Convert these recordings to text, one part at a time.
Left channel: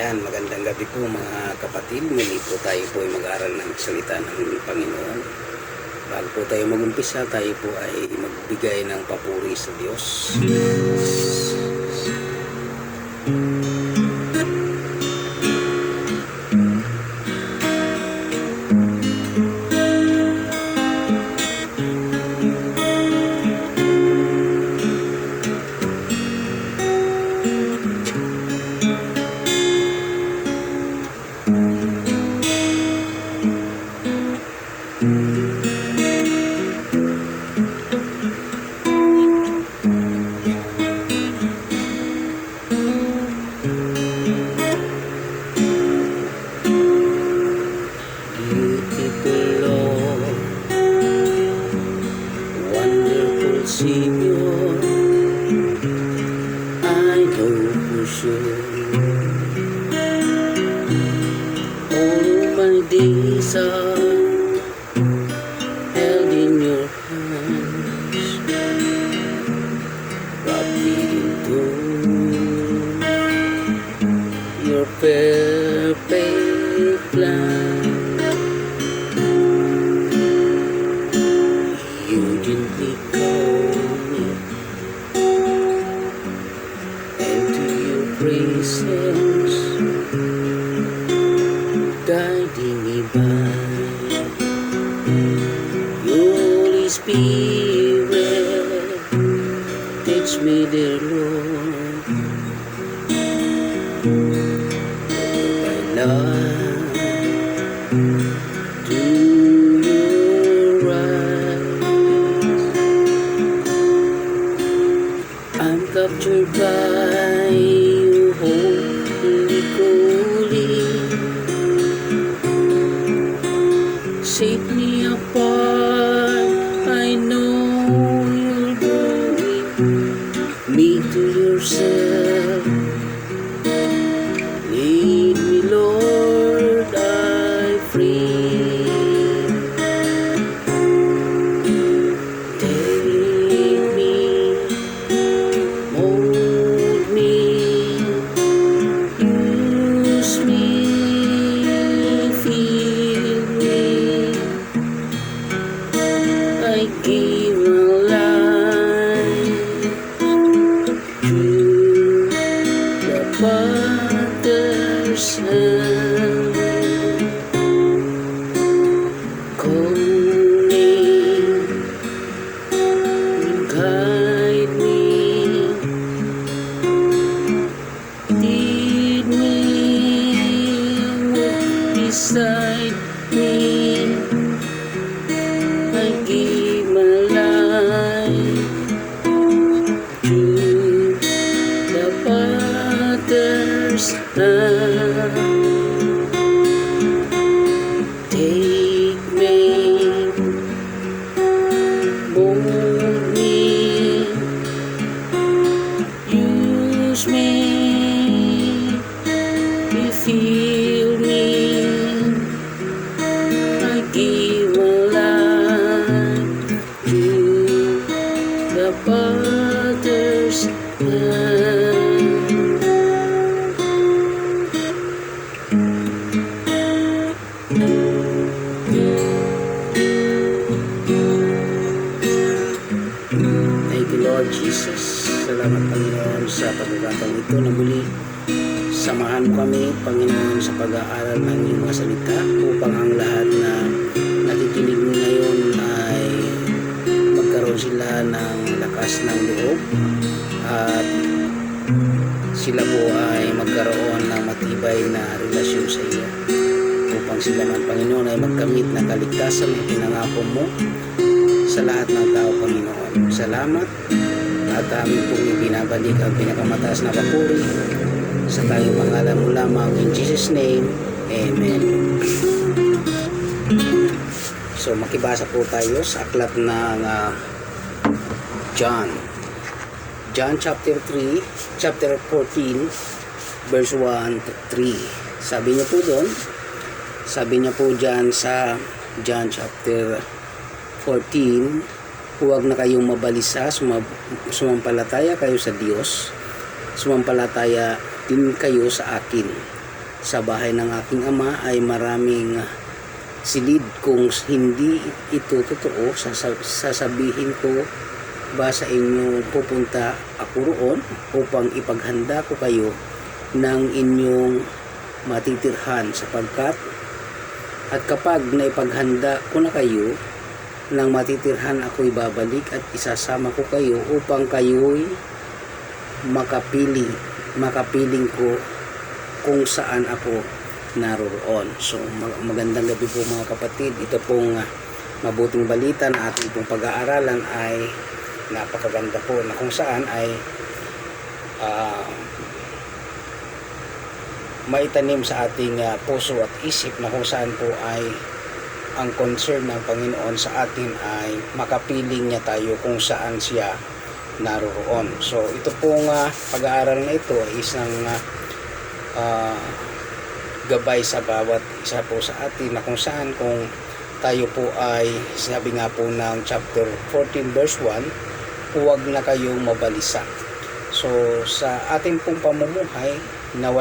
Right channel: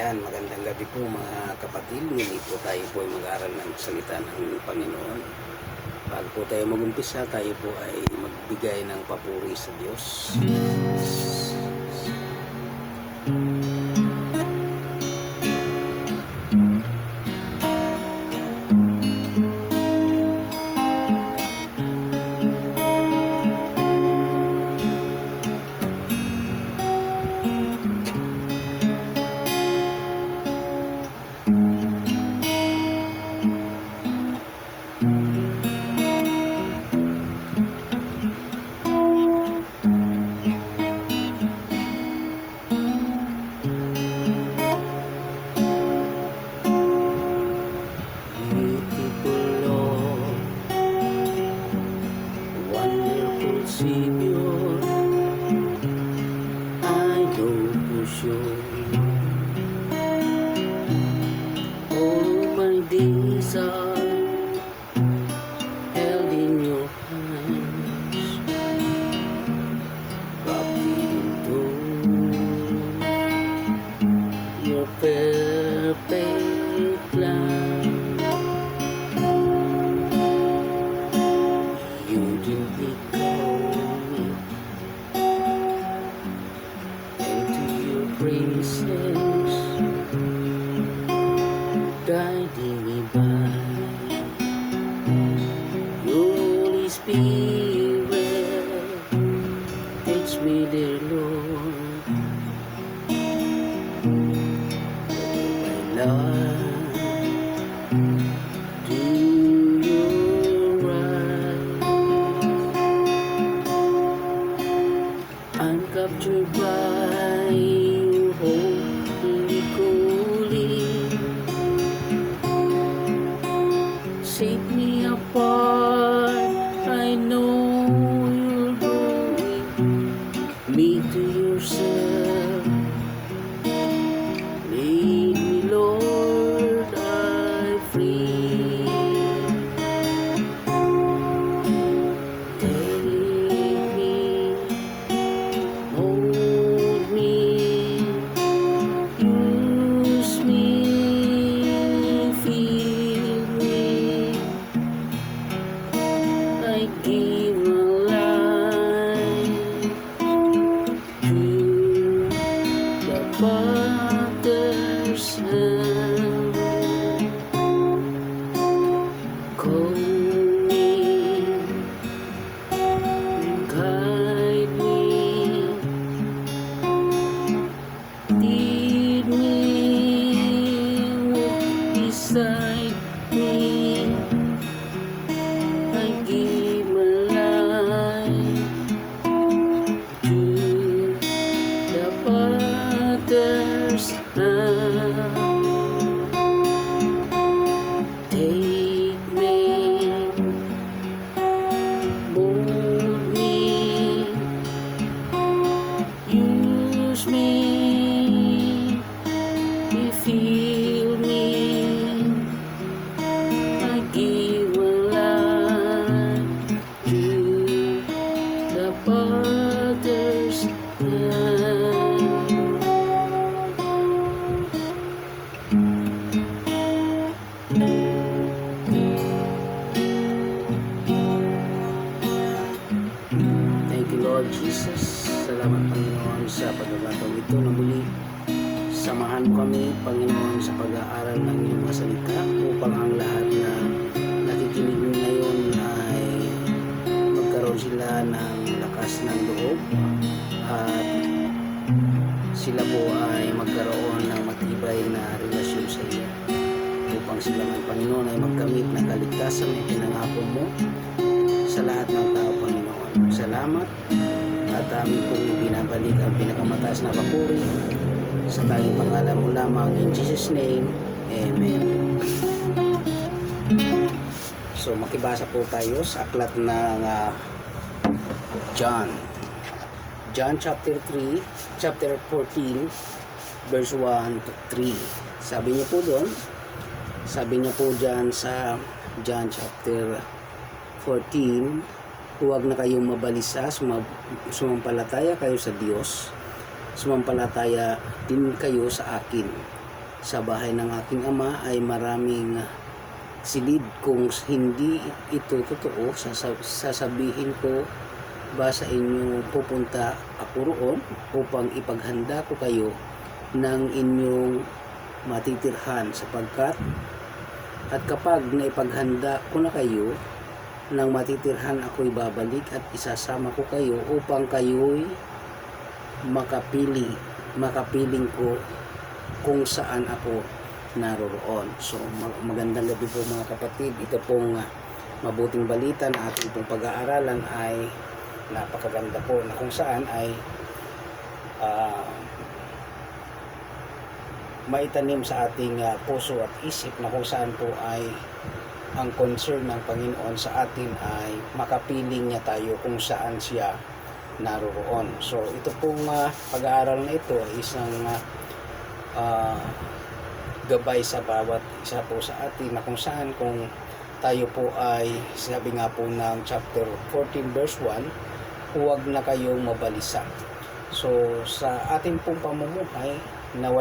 Ayan, magandang gabi po mga kapatid. Muli po tayo po ay mag-aaral ng salita ng Panginoon. Bago po tayo mag-umpisa, tayo po ay magbigay ng papuri sa Diyos. Savior, I know for sure all my days are held in your hands, wrapped into your perfect plan. You gently presence, guiding me by your Holy Spirit. Teach me, dear Lord, my life to your eyes. I'm captured by holy calling, set me apart. I know you're drawing me to yourself. Lead me, Lord, I pray. Take me, mold me, use me, feel me. I give my life to the Father's hand, calling, guide me, lead me, beside me. I give my life to the Father's hand. Take me, mold me, use me, fill me. I give my life to the Father's hand. Thank you, Lord Jesus. Salamat, Panginoon, sa pagkakataon ito na muli samahan mo kami, Panginoon, sa pag-aaral ng iyong mga salita upang ang lahat na nakikinig ngayon ay magkaroon sila ng lakas ng loob at sila po ay magkaroon ng matibay na relasyon sa iyo upang sila man, Panginoon, ay magkamit ng kaligtasan na pinangako mo sa lahat ng tao, Panginoon. Salamat at amin pong ibinabalik ang pinakamataas na papuri sa tayong pangalan mo lamang, in Jesus' name, Amen. So makibasa po tayo sa aklat ng John chapter 14 verse 1 to 3. Sabi niya po dyan sa John chapter 14, huwag na kayong mabalisa, sumampalataya kayo sa Diyos, sumampalataya din kayo sa akin. sa bahay ng aking ama ay maraming silid. Kung hindi ito totoo, sasabihin ko ba sa inyo pupunta ako roon upang ipaghanda ko kayo ng inyong matitirhan, sapagkat at kapag naipaghanda ko na kayo ng matitirhan, ako'y babalik at isasama ko kayo upang kayo'y makapiling ko kung saan ako naroroon. So magandang gabi po mga kapatid. Ito pong mabuting balita na ating pong pag-aaralan ay napakaganda po, na kung saan ay maitanim sa ating puso at isip, na kung saan po ay ang concern ng Panginoon sa atin ay makapiling niya tayo kung saan siya naroroon. So ito pong pag-aaral na ito ay isang gabay sa bawat isa po sa atin, na kung saan kung tayo po ay, sinabi nga po ng chapter 14 verse 1, huwag na kayong mabalisa. So sa ating pong pamumuhay na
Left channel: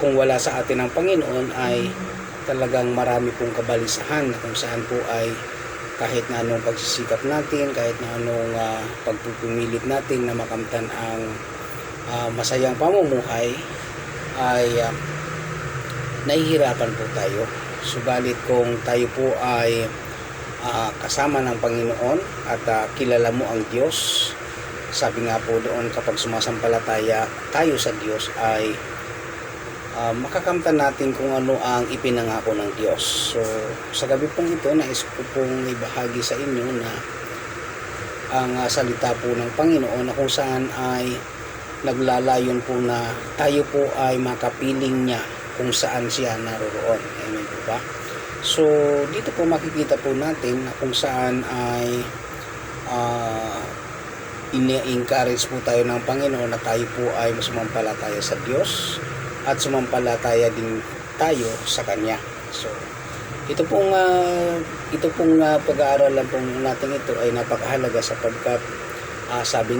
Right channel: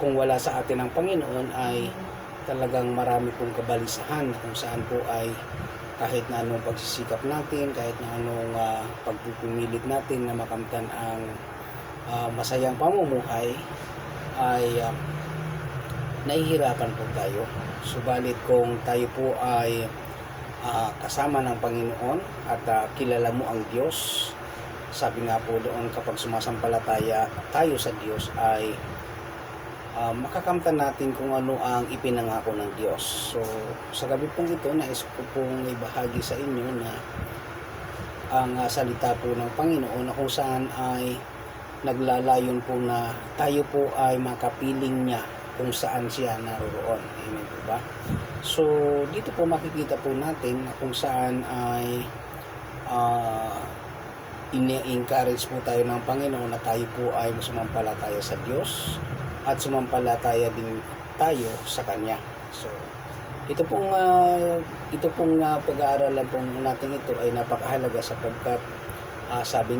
kung wala sa atin ang Panginoon, ay talagang marami pong kabalisahan, na kung saan po ay kahit na anong pagsisikap natin, kahit na anong pagpupumilit natin na makamtan ang masayang pamumuhay, ay nahihirapan po tayo. Subalit kung tayo po ay kasama ng Panginoon at kilala mo ang Diyos, sabi nga po doon, kapag sumasampalataya tayo sa Diyos ay makakamtan natin kung ano ang ipinangako ng Diyos. So sa gabi pong ito, nais ko pong ibahagi sa inyo na ang salita po ng Panginoon, na kung saan ay naglalayon po na tayo po ay makapiling niya kung saan siya naroroon. Amen po ba? So dito po makikita po natin na kung saan ay ini-encourage po tayo ng Panginoon na tayo po ay sumampalataya sa Diyos at sumampalataya din tayo sa Kanya. So ito pong pag-aaralan po natin ito ay napakahalaga, sapagkat sabi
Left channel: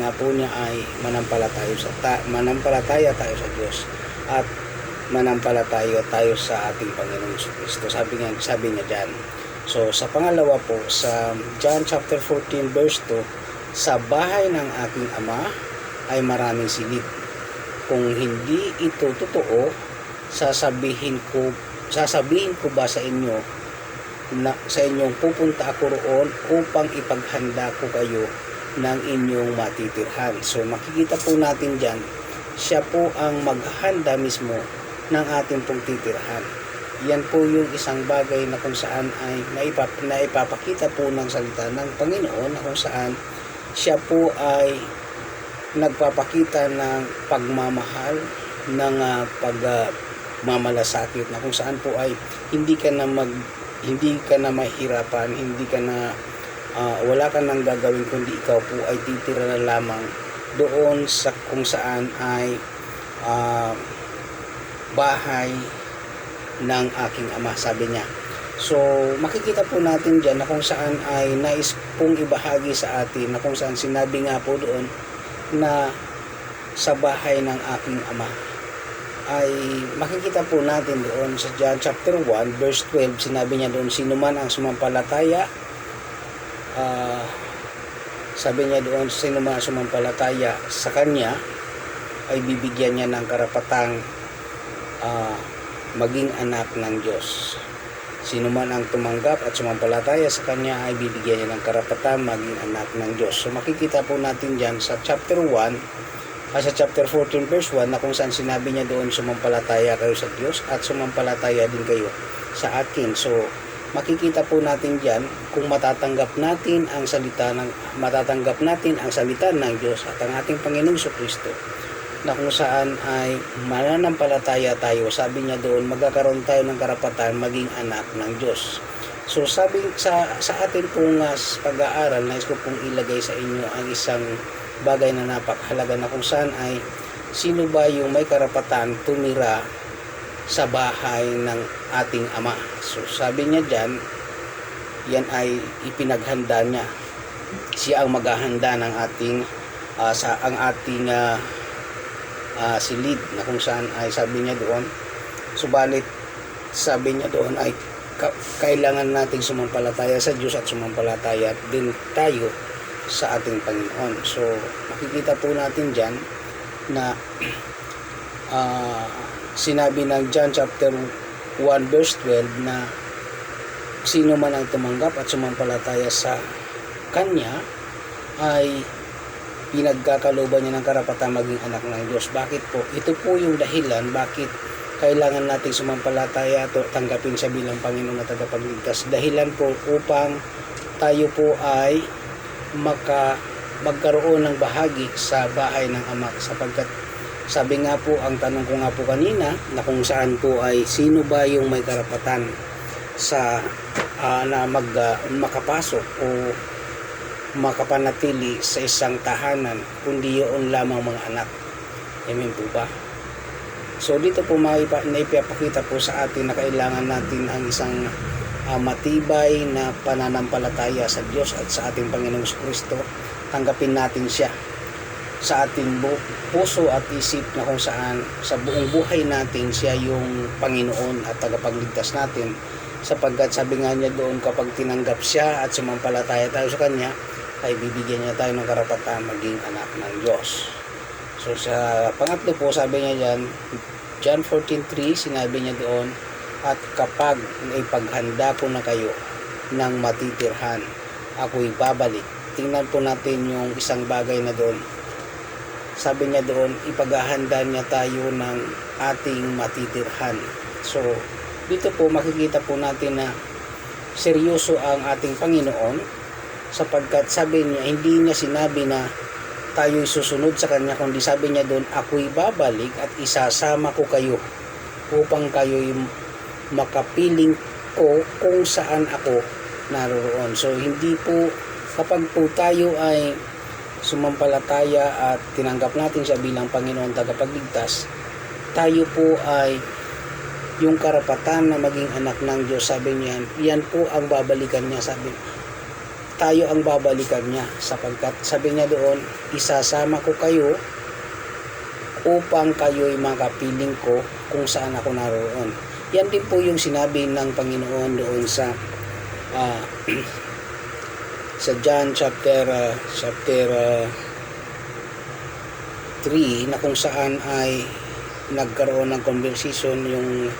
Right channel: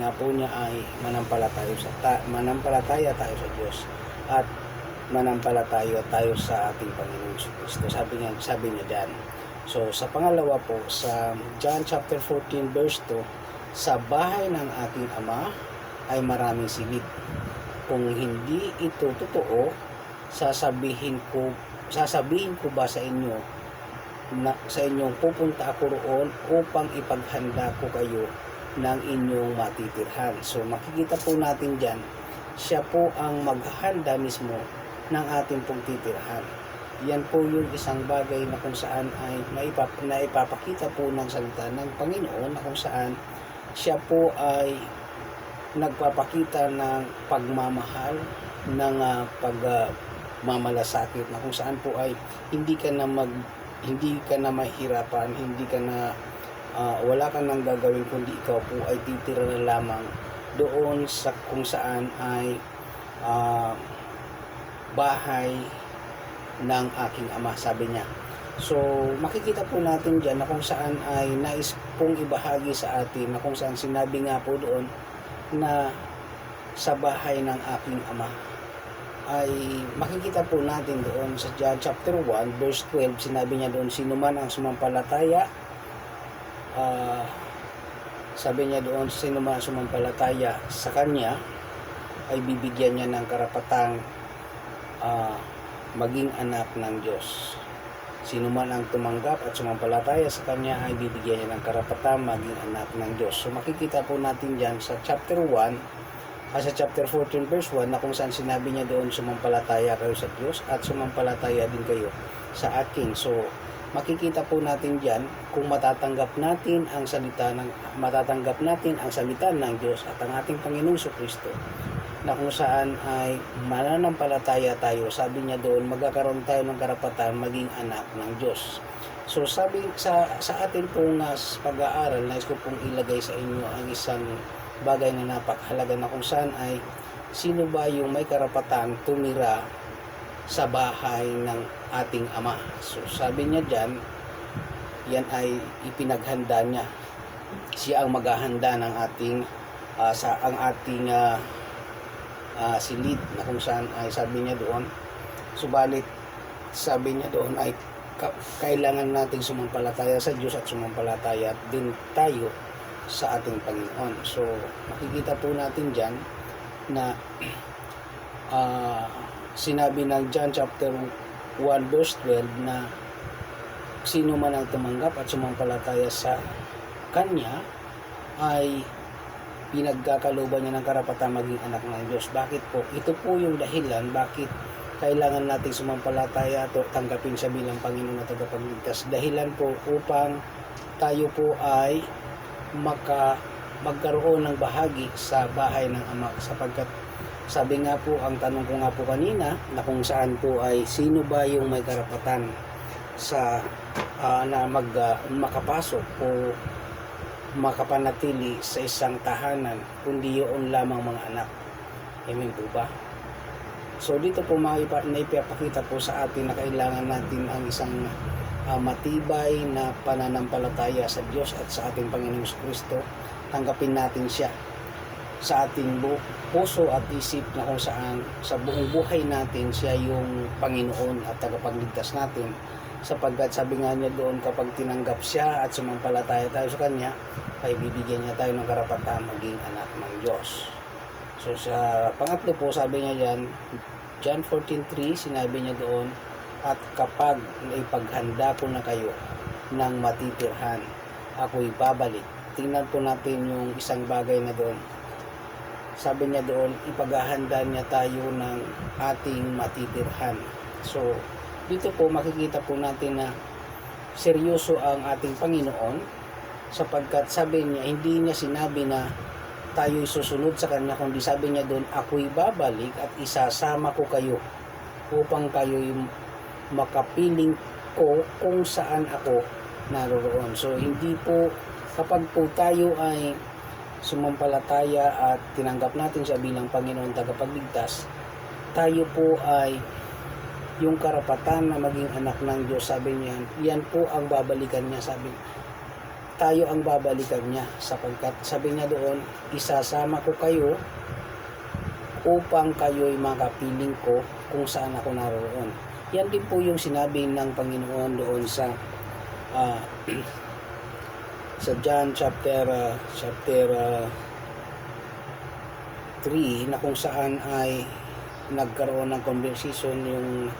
nga po niya ay manampalataya tayo sa Diyos at manampalataya tayo sa ating Panginoong Kristo. Sabi niya diyan. So sa pangalawa po, sa John chapter 14 verse 2, sa bahay ng aking ama ay maraming silid. Kung hindi ito totoo, sasabihin ko ba sa inyo na sa inyong pupunta ako roon upang ipaghanda ko kayo ng inyong matitirhan. So makikita po natin diyan, siya po ang maghahanda mismo ng ating pong titirhan. Yan po yung isang bagay na kung saan ay naipapakita po ng salita ng Panginoon, na kung saan siya po ay nagpapakita ng pagmamahal, ng pagmamalasakit, na kung saan po ay hindi ka na mahirapan, wala ka nang gagawin, kundi ikaw po ay titira na lamang doon sa kung saan ay bahay ng aking ama, sabi niya. So makikita po natin diyan na kung saan ay nais pong ibahagi sa atin, na kung saan sinabi nga po doon na sa bahay ng aking ama, ay makikita po natin doon sa John chapter 1 verse 12, sinabi niya doon, sino man ang sumampalataya, sabi niya doon, sino man ang sumampalataya sa Kanya ay bibigyan niya ng karapatang maging anak ng Diyos. Sino man ang tumanggap at sumampalataya sa Kanya ay bibigyan niya ng karapatang maging anak ng Diyos. So makikita po natin dyan sa chapter 1, sa chapter 14 verse 1, na kung saan sinabi niya doon, sumampalataya kayo sa Diyos at sumampalataya din kayo sa akin. So makikita po natin dyan kung matatanggap natin ang salita ng Diyos at ang ating Panginoong Kristo, na kung saan ay mananampalataya tayo, sabi niya doon, magkakaroon tayo ng karapatan maging anak ng Diyos. So sabi sa atin pong pag-aaral, nais ko pong ilagay sa inyo ang isang bagay na napakahalaga, na kung saan ay sino ba yung may karapatan tumira sa bahay ng ating ama. So sabi niya dyan, yan ay ipinaghanda niya. Siya ang maghahanda ng ating silid, na kung saan ay sabi niya doon, subalit sabi niya doon ay kailangan nating sumampalataya sa Diyos at sumampalataya din tayo sa ating Panginoon. So makikita po natin dyan na sinabi ng John chapter 1 verse 12 na sino man ang tumanggap at sumampalataya sa Kanya ay pinagkakaloban niya ng karapatang maging anak ng Diyos. Bakit po? Ito po yung dahilan bakit kailangan natin sumampalataya at tanggapin siya bilang Panginoon at tagapagligtas. Dahilan po upang tayo po ay magkaroon ng bahagi sa bahay ng Ama, sapagkat sabi nga po, ang tanong ko nga po kanina na kung saan po ay sino ba yung may karapatan sa na makapasok o makapanatili sa isang tahanan kundi yun lamang mga anak. Amen po ba? So dito po naipapakita po sa atin na kailangan natin ang isang matibay na pananampalataya sa Diyos at sa ating Panginoong Kristo. Tanggapin natin siya sa ating puso at isip, na kung saan sa buong buhay natin siya yung Panginoon at tagapagligtas natin, sapagkat sabi nga niya doon, kapag tinanggap siya at sumampalataya tayo sa Kanya, ay bibigyan niya tayo ng karapatan maging anak ng Diyos. So sa pangatlo po, sabi niya dyan, John 14:3, sinabi niya doon, at kapag naipaghanda po na kayo ng matitirhan, ako'y babalik. Tingnan po natin yung isang bagay na doon. Sabi niya doon, ipaghahanda niya tayo ng ating matitirhan. So dito po makikita po natin na seryoso ang ating Panginoon, sapagkat sabi niya, hindi niya sinabi na tayo'y susunod sa Kanya, kundi sabi niya doon, ako'y babalik at isasama ko kayo upang kayo'y makapiling ko kung saan ako naroon. So hindi po, kapag po tayo ay sumampalataya at tinanggap natin siya bilang Panginoon tagapagligtas, tayo po ay yung karapatan na maging anak ng Diyos. Sabi niya, yan po ang babalikan niya. Sabi, tayo ang babalikan niya, sapagkat sabi niya doon, isasama ko kayo upang kayo'y makapiling ko kung saan ako naroon. Yan din po yung sinabi ng Panginoon doon sa sa John chapter 3, na kung saan ay nagkaroon ng conversation yung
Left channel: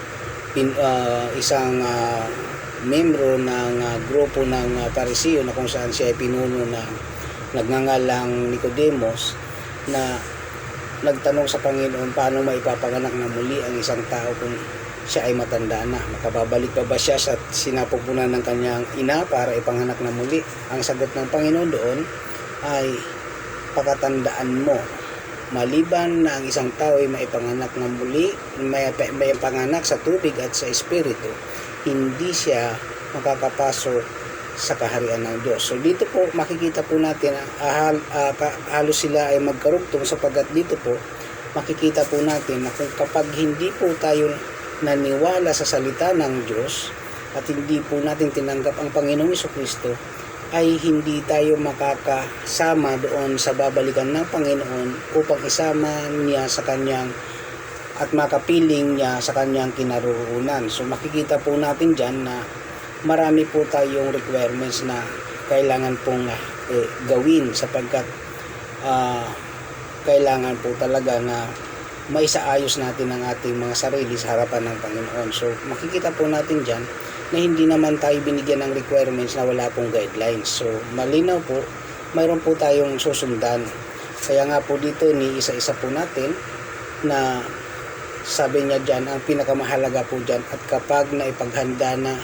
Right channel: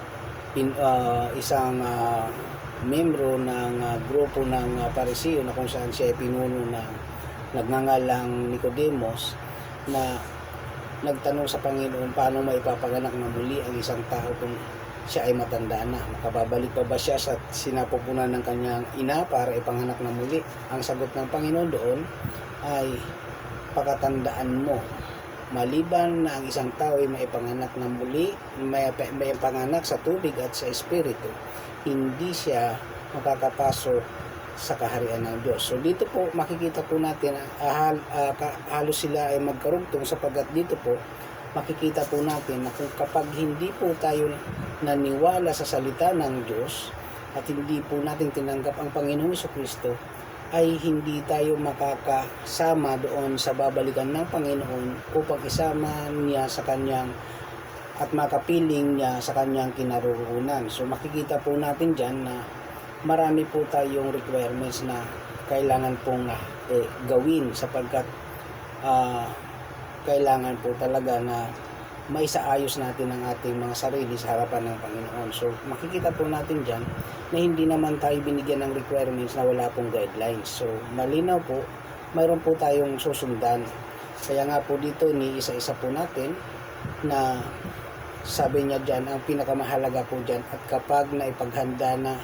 isang membro ng grupo ng Pariseo, na kung saan siya ay pinuno na nagngangalang Nicodemus, na nagtanong sa Panginoon paano maipapanganak na muli ang isang tao kung siya ay matanda na. Makababalik pa ba siya sa sinapupunan ng kanyang ina para ipanganak na muli? Ang sagot ng Panginoon doon ay, pakatandaan mo, maliban na ang isang tao ay maipanganak na muli, may panganak sa tubig at sa espiritu, hindi siya makakapasok sa kaharian ng Diyos. So dito po makikita po natin, halos sila ay magkarugtong, sapagkat dito po makikita po natin na kung kapag hindi po tayo naniwala sa salita ng Diyos at hindi po natin tinanggap ang Panginoong Jesucristo, ay hindi tayo makakasama doon sa babalikan ng Panginoon upang isama niya sa kanyang at makapiling niya sa kanyang kinaroroonan. So makikita po natin dyan na marami po tayong requirements na kailangan pong gawin, sapagkat kailangan po talaga na maisaayos natin ang ating mga sarili sa harapan ng Panginoon. So makikita po natin dyan na hindi naman tayo binigyan ng requirements na wala pong guidelines. So malinaw po, mayroon po tayong susundan. Kaya nga po dito ni isa-isa po natin na sabi niya dyan, ang pinakamahalaga po dyan, at kapag naipaghanda na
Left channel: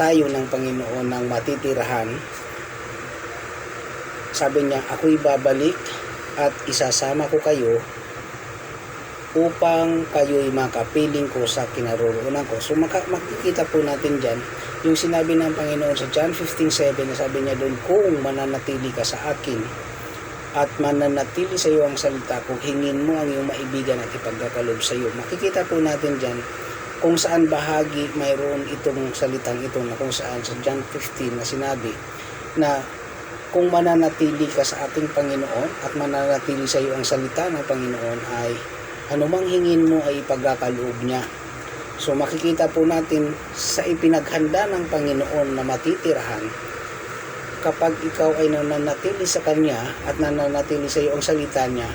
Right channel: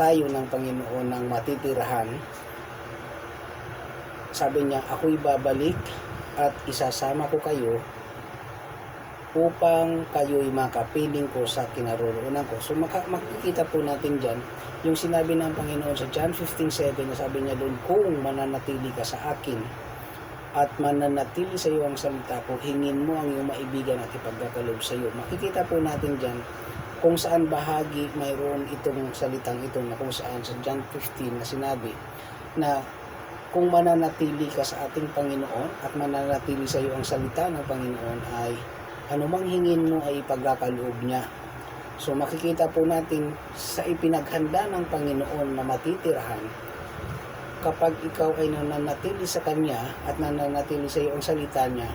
tayo ng Panginoon ng matitirahan, sabi niya, ako'y babalik at isasama ko kayo upang kayo'y makapiling ko sa kinaroroonan ko. So makikita po natin dyan yung sinabi ng Panginoon sa John 15:7, na sabi niya doon, kung mananatili ka sa akin at mananatili sa iyo ang salita ko, hingin mo ang iyong maibigan at ipagkakalob sa iyo. Makikita po natin dyan kung saan bahagi mayroon itong salitang ito, na kung saan sa John 15 na sinabi na kung mananatili ka sa ating Panginoon at mananatili sa iyo ang salita ng Panginoon, ay Anumang hingin mo ay ipagkakaloob niya. So makikita po natin sa ipinaghanda ng Panginoon na matitirahan, kapag ikaw ay nananatili sa Kanya at nananatili sa iyo ang salita niya,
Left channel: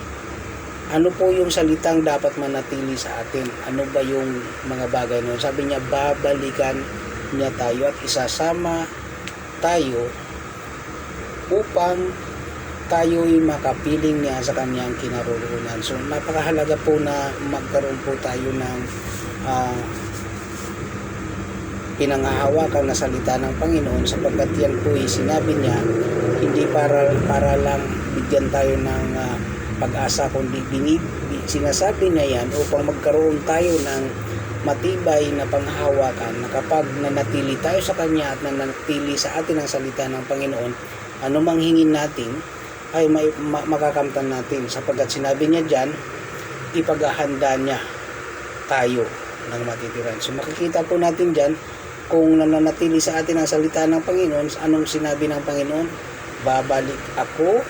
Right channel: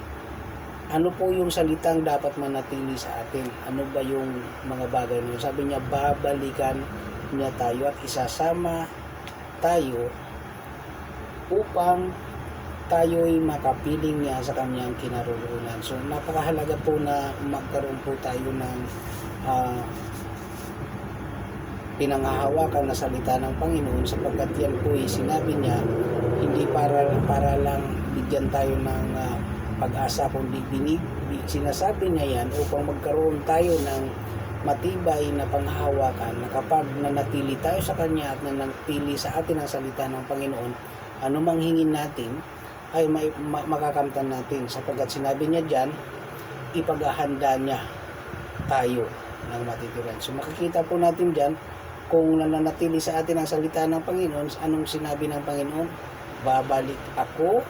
ano po yung salitang dapat manatili sa atin? Ano ba yung mga bagay nun? Sabi niya, babalikan niya tayo at isasama tayo upang tayo'y makapiling niya sa kanyang kinaroroonan. So napakahalaga po na magkaroon po tayo ng pinanghahawakan na salita ng Panginoon, sapagkat yan po sinabi niya hindi para lang bigyan tayo ng pag-asa, kundi sinasabi niya yan upang magkaroon tayo ng matibay na panghahawakan, na kapag nanatili tayo sa Kanya at nanatili sa atin ang salita ng Panginoon, anumang hingin natin ay makakamtan natin, sapagkat sinabi niya dyan, ipaghahanda niya tayo ng matitiran. So makikita po natin dyan, kung nananatili sa atin ang salita ng Panginoon, anong sinabi ng Panginoon? Babalik ako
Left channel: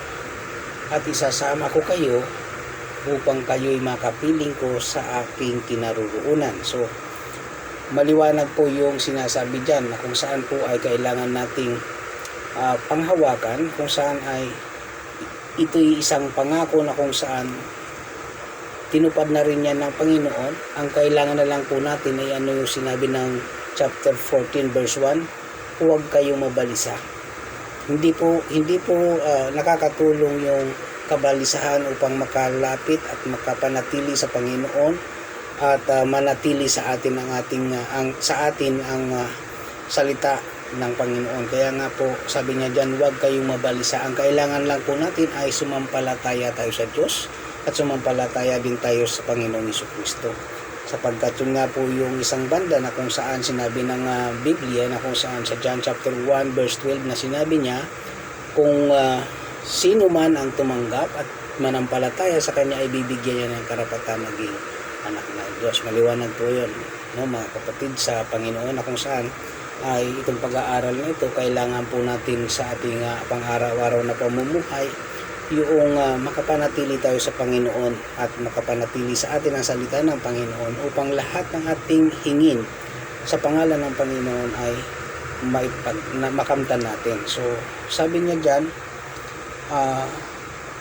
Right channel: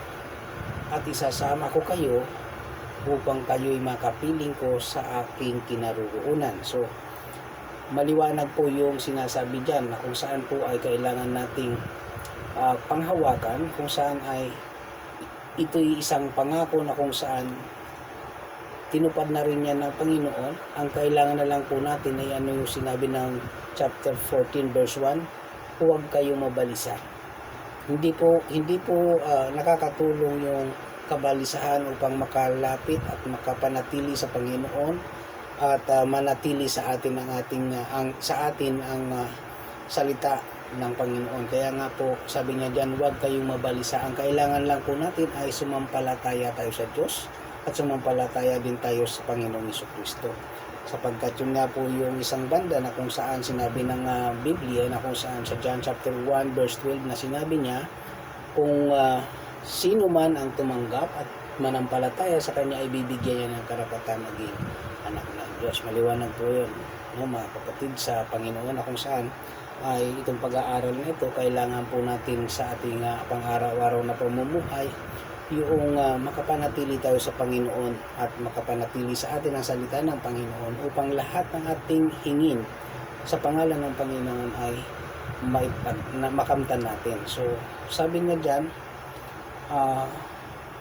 at isasama ko kayo upang kayo'y makapiling ko sa aking kinaroroonan. So maliwanag po yung sinasabi dyan, na kung saan po ay kailangan nating panghawakan, kung saan ay ito'y isang pangako na kung saan tinupad na rin yan ng Panginoon. Ang kailangan na lang po natin ay ano yung sinabi ng chapter 14 verse 1, huwag kayong mabalisa. Hindi po nakakatulong yung kabalisahan upang makalapit at makapanatili sa Panginoon at manatili sa atin ang salita ng Panginoon. Kaya nga po sabi niya diyan, huwag kayong mabalisa. Ang kailangan lang po natin ay sumampalataya tayo sa Diyos at sumampalataya din tayo sa Panginoong Jesucristo. Sapagkat yun nga po yung isang banda na kung saan sinabi ng Biblia, na kung saan sa John chapter 1 verse 12 na sinabi niya, kung sino man ang tumanggap at manampalataya sa Kanya ay bibigyan niya ng karapatan maging anak ng Diyos. Maliwanag po yun, no, mga kapatid, sa Panginoon, na kung saan ay itong pag-aaral na ito, kailangan po natin sa ating pang-araw-araw na pamumuhay yung makapanatili tayo sa Panginoon at makapanatili sa atin ang salita ng Panginoon, upang lahat ng ating hingin sa pangalan ng Panginoon ay makamtan natin. So sabi niya dyan,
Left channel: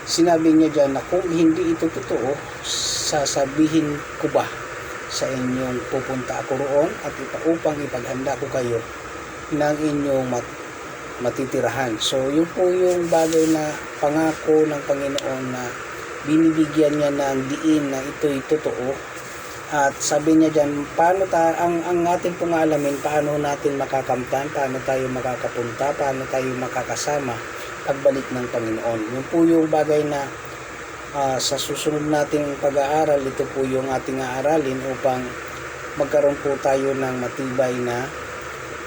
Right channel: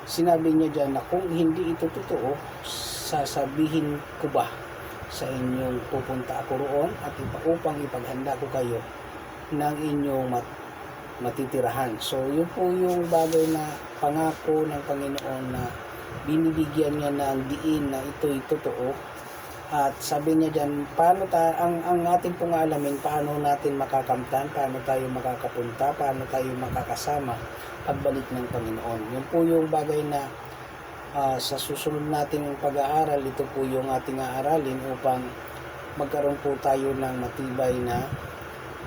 sinabi niya dyan na kung hindi ito totoo, sasabihin ko ba sa inyong pupunta ako roon at upang ipaghanda ko kayo ng inyong matitirahan. So yun po yung bagay na pangako ng Panginoon, na binibigyan niya ng diin na ito'y totoo. At sabi niya dyan, ang ating pong alamin, paano natin makakamtan, paano tayo makakapunta, paano tayo makakasama pagbalik ng Panginoon. Yun po yung bagay na sa susunod nating pag-aaral, ito po yung ating aaralin upang magkaroon po tayo ng matibay na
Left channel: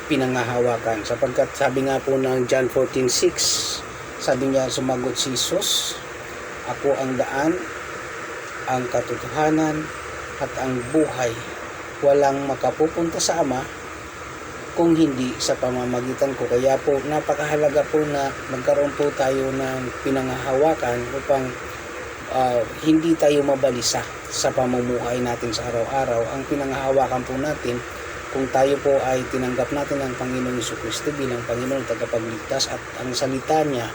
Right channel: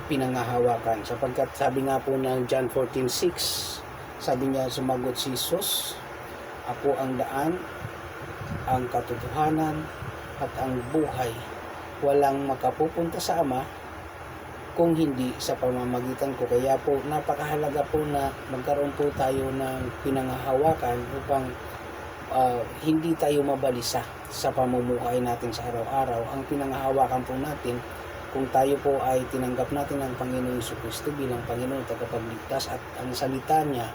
pinanghahawakan. Sapagkat sabi nga po ng John 14:6, sabi niya, sumagot si Jesus, ako ang daan, ang katotohanan at ang buhay. Walang makapupunta sa Ama kung hindi sa pamamagitan ko. Kaya po napakahalaga po na magkaroon po tayo ng pinanghahawakan upang hindi tayo mabalisa sa pamumuhay natin sa araw-araw. Ang pinanghahawakan po natin, kung tayo po ay tinanggap natin ang Panginoong Jesucristo bilang Panginoon at tagapagligtas, at ang salita niya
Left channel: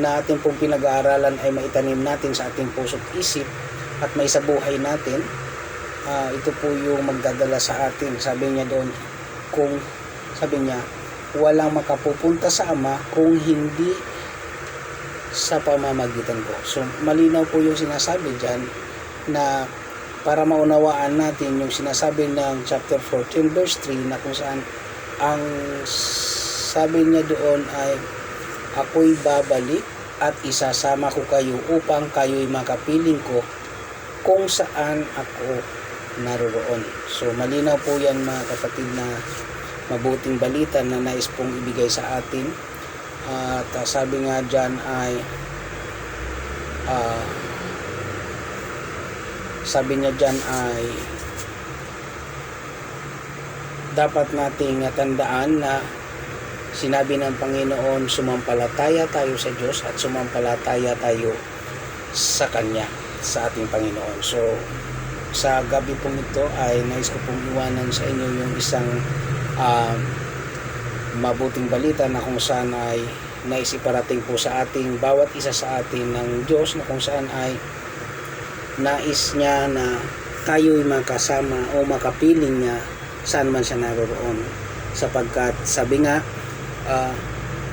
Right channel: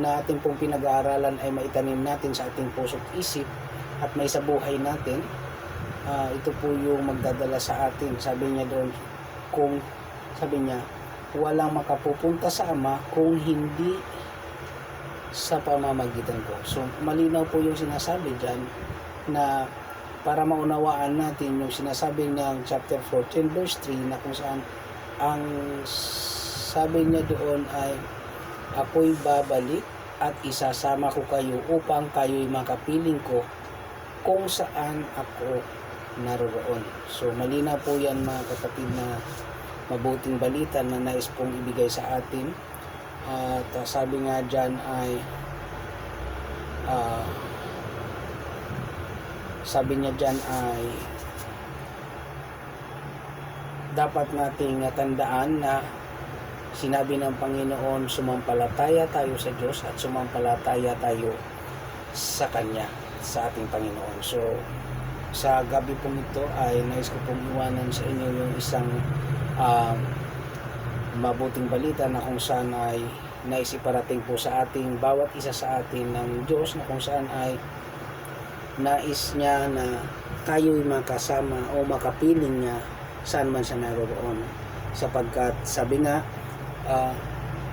na ating pong pinag-aaralan ay maitanim natin sa ating puso't isip at maisabuhay natin, ito po yung magdadala sa atin. Sabi niya doon, walang makapupunta sa Ama kung hindi sa pamamagitan ko. So malinaw po yung sinasabi dyan, na para maunawaan natin yung sinasabi ng chapter 14 verse 3, na kung saan ang sabi niya doon ay, ako'y babalik at isasama ko kayo upang kayo'y makapiling ko kung saan ako naroroon. So malinaw po yan, mga kapatid, na mabuting balita na nais pong ibigay sa atin. At sabi nga dyan ay dapat nating tandaan na sinabi ng Panginoon, sumampalataya tayo sa Diyos at sumampalataya tayo sa Kanya. sa ating Panginoon. So sa gabi pong ito ay nais ko pong iwanan sa inyo yung isang mabuting balita na kung saan ay nais iparating po sa ating bawat isa sa atin ng Diyos, na kung saan ay nais niya na tayo'y makasama o makapiling niya saan man siya naroon, sapagkat sabi nga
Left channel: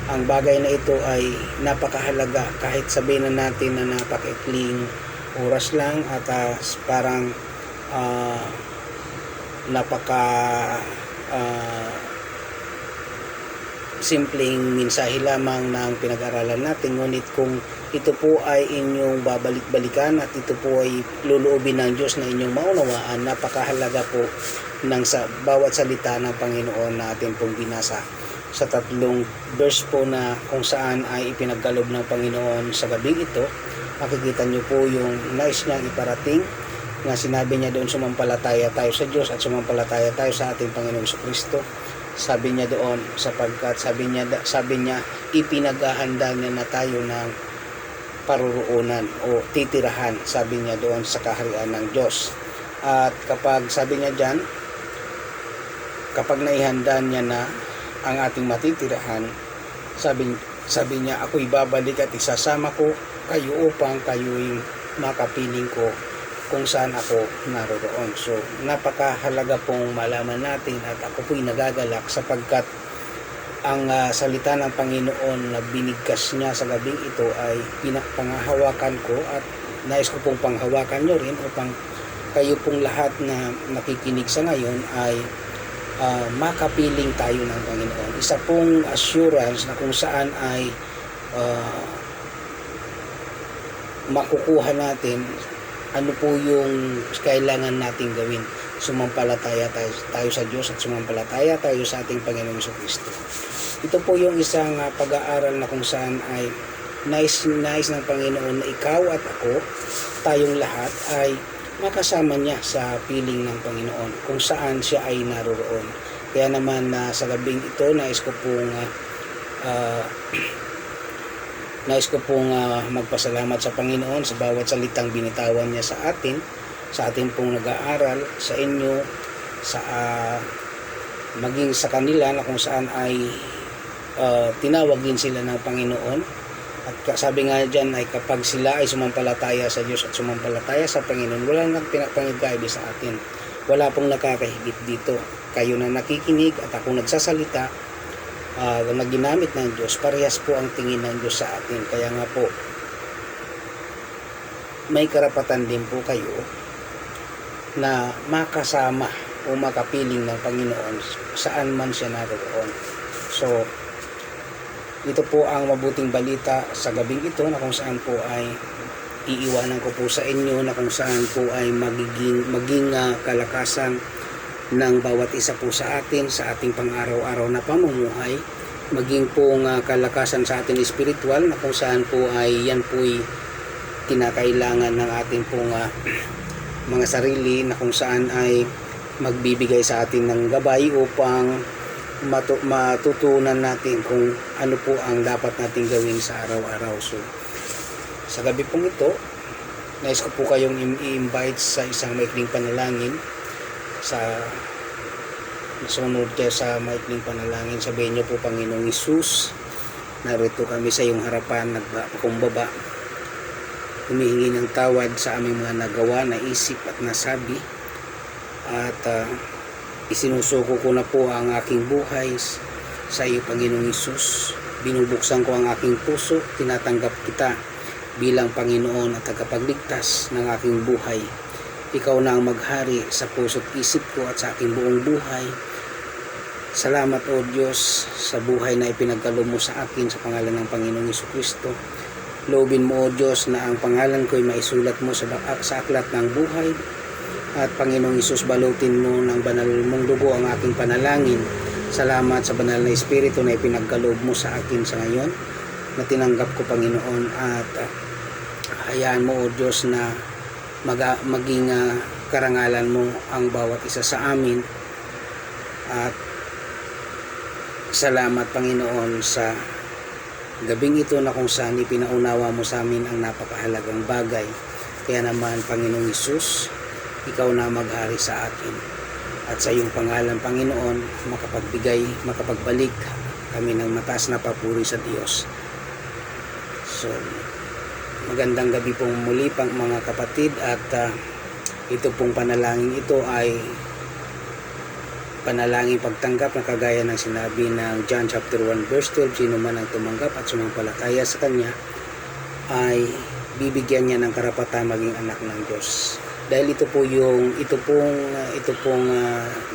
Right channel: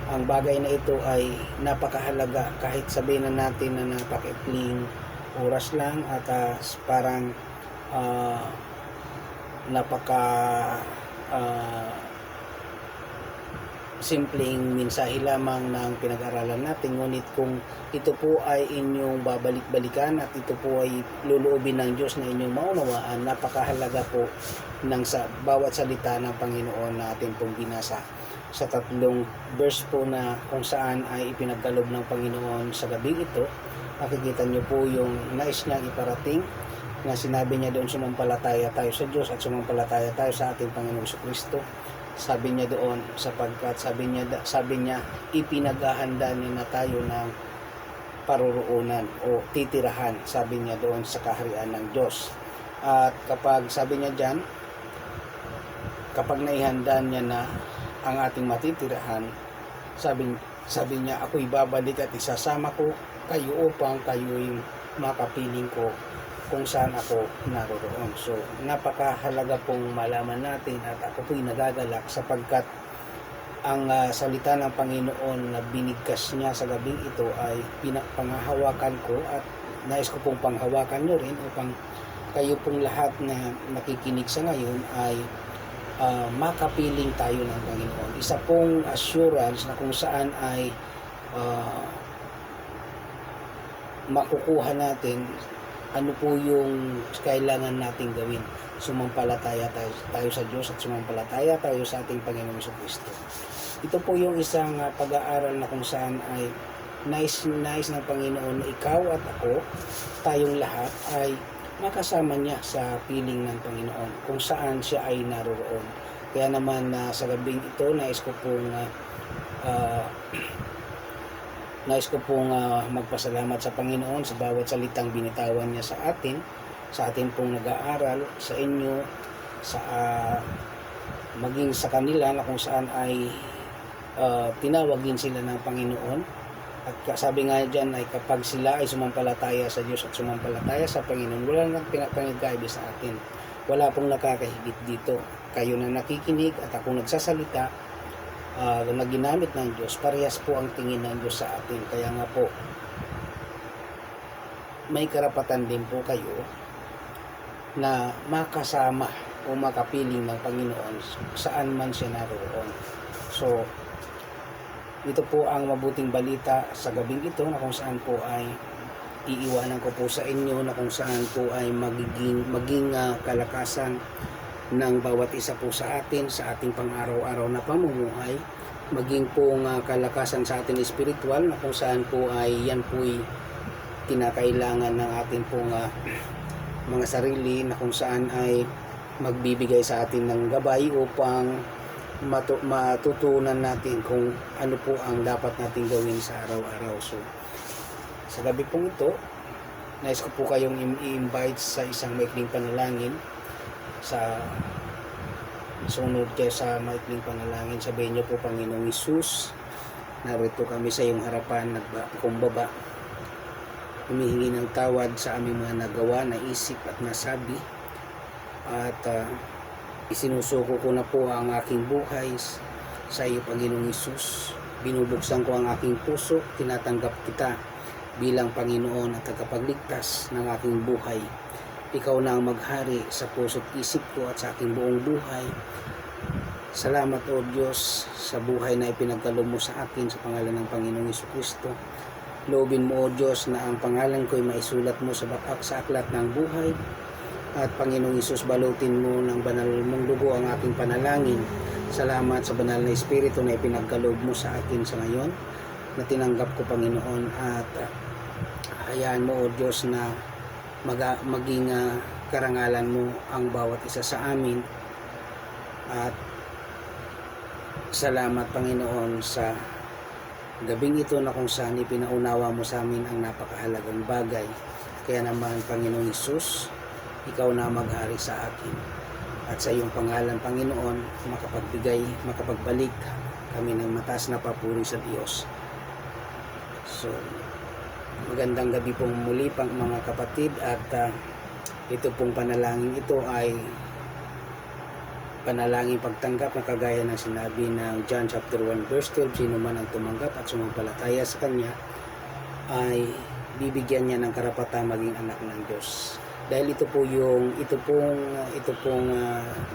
ang bagay na ito ay napakahalaga, kahit sabihin na natin na napakaikling oras lang at parang napaka simpleng mensahe lamang na ang pinag-aralan natin, ngunit kung ito po ay inyong babalik-balikan at ito po ay luluubin ng Diyos na inyong maunawaan, napakahalaga po ng bawat salita ng Panginoon na atin pong binasa sa 3 verse po na kung saan ay ipinagkaloob ng Panginoon sa gabing ito. Makikita nyo po yung nais niyang iparating na sinabi niya doon, sumampalataya tayo sa Diyos at sumampalataya tayo sa ating Panginoong Jesucristo. Sabi niya doon, sapagkat sabi niya ipinaghahanda niya na tayo ng paruroonan o titirahan, sabi niya doon, sa kaharian ng Diyos. At kapag sabi niya diyan, kapag naihanda niya na ang ating matitirahan, sabi niya, ako'y babalik at isasama ko kayo upang kayo'y makapiling ko kung saan ako naroon. So napakahalaga pong malaman natin, at ako po'y nagagalak sapagkat ang salita ng Panginoon na binigkas niya sa gabing ito ay panghahawakan ko, at nais ko pong panghawakan nyo rin upang kayo pong lahat na nakikinig sa ngayon ay makapiling tayo ng Panginoon. Isa pong assurance na kung saan ay makukuha natin ano po yung kailangan nating gawin. Sumampalataya tayo sa Diyos at sumampalataya tayo sa ating Panginoong Jesucristo. Ito po yung isang pag-aaral na kung saan ay nais ng Panginoon na ikaw at ako, tayong lahat ay makasama niya sa piling ng Panginoon kung saan siya ay naroon. Kaya naman sa gabing ito nais ko pong magpasalamat sa Panginoon sa bawat salitang binitawan niya sa atin, sa atin pong nag-aaral, sa inyo, sa maging sa kanila na kung saan ay tinawag din sila ng Panginoon. At sabi nga dyan ay kapag sila ay sumampalataya sa Diyos at sumampalataya sa Panginoon, wala nang pinapangigaibi sa atin. Wala pong nakakahigit dito. Kayo na nakikinig at ako nagsasalita na ginamit ng Diyos, parehas po ang tingin ng Diyos sa atin. Kaya nga po, may karapatan din po kayo na makasama o makapiling ng Panginoon saan man siya naroon. So, ito po ang mabuting balita sa gabing ito, na kung saan po ay iiwanan ko po sa inyo, na kung saan po ay maging kalakasan ng bawat isa po sa atin sa ating pang-araw-araw na pamumuhay, maging po kalakasan sa ating espiritual, na kung saan po ay yan po'y kinakailangan ng ating pong mga sarili, na kung saan ay magbibigay sa atin ng gabay upang matutunan natin kung ano po ang dapat nating gawin sa araw-araw. So sa gabi pong ito, nais ko po kayong i-invite sa isang maikling panalangin. Sa sunod kayo sa maikling panalangin, sabihin niyo po, Panginoong Hesus, narito kami sa iyong harapan, nagpakumbaba, humihingi ng tawad sa aming mga nagawa, naisip at nasabi, at isinusuko ko na po ang aking buhay sa iyo, Panginoong Hesus. Binubuksan ko ang aking puso, tinatanggap kita bilang Panginoon at tagapagligtas ng aking buhay. Ikaw na ang maghari sa puso't isip ko at sa aking buong buhay. Salamat, O Diyos, sa buhay na ipinagkaloob mo sa akin sa pangalan ng Panginoong Jesucristo. Loobin mo, O Diyos, na ang pangalan ko ay maisulat mo sa aklat ng buhay. At Panginoong Hesus, balutin mo ng banal mong dugo ang aking panalangin. Salamat sa banal na Espiritu na ipinagkaloob mo sa akin sa ngayon, na tinanggap ko, Panginoon, at hayaan mo, O Diyos, na maging karangalan mo ang bawat isa sa amin. At salamat, Panginoon, sa gabing ito na kung saan ipinaunawa mo sa amin ang napakahalagang bagay Kaya naman, Panginoong Hesus, ikaw na maghari sa akin. At sa iyong pangalan, Panginoon, makapagbalik kami ng mataas na papuri sa Diyos. So, magandang gabi pong muli pang mga kapatid, at ito pong panalangin ito ay panalangin pagtanggap na kagaya ng sinabi ng John chapter 1 verse 12, sino man ang tumanggap at sumampalataya sa Kanya ay bibigyan niya ng karapatan maging anak ng Diyos. Dahil ito pong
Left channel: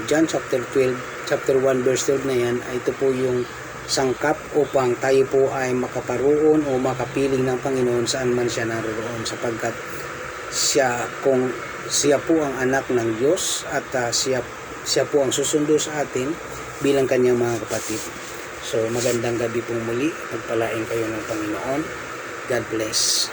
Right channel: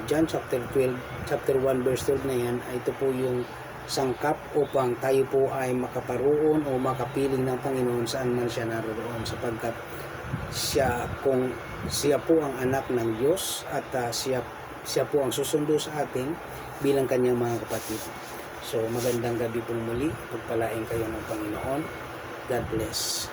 John chapter 1 verse 12 na yan, ay ito po yung sangkap upang tayo po ay makaparoon o makapiling ng Panginoon saan man siya naroon, sapagkat siya po ang anak ng Diyos, at siya po ang susundo sa atin bilang kanyang mga kapatid. So magandang gabi pong muli, pagpalain kayo ng Panginoon. God bless.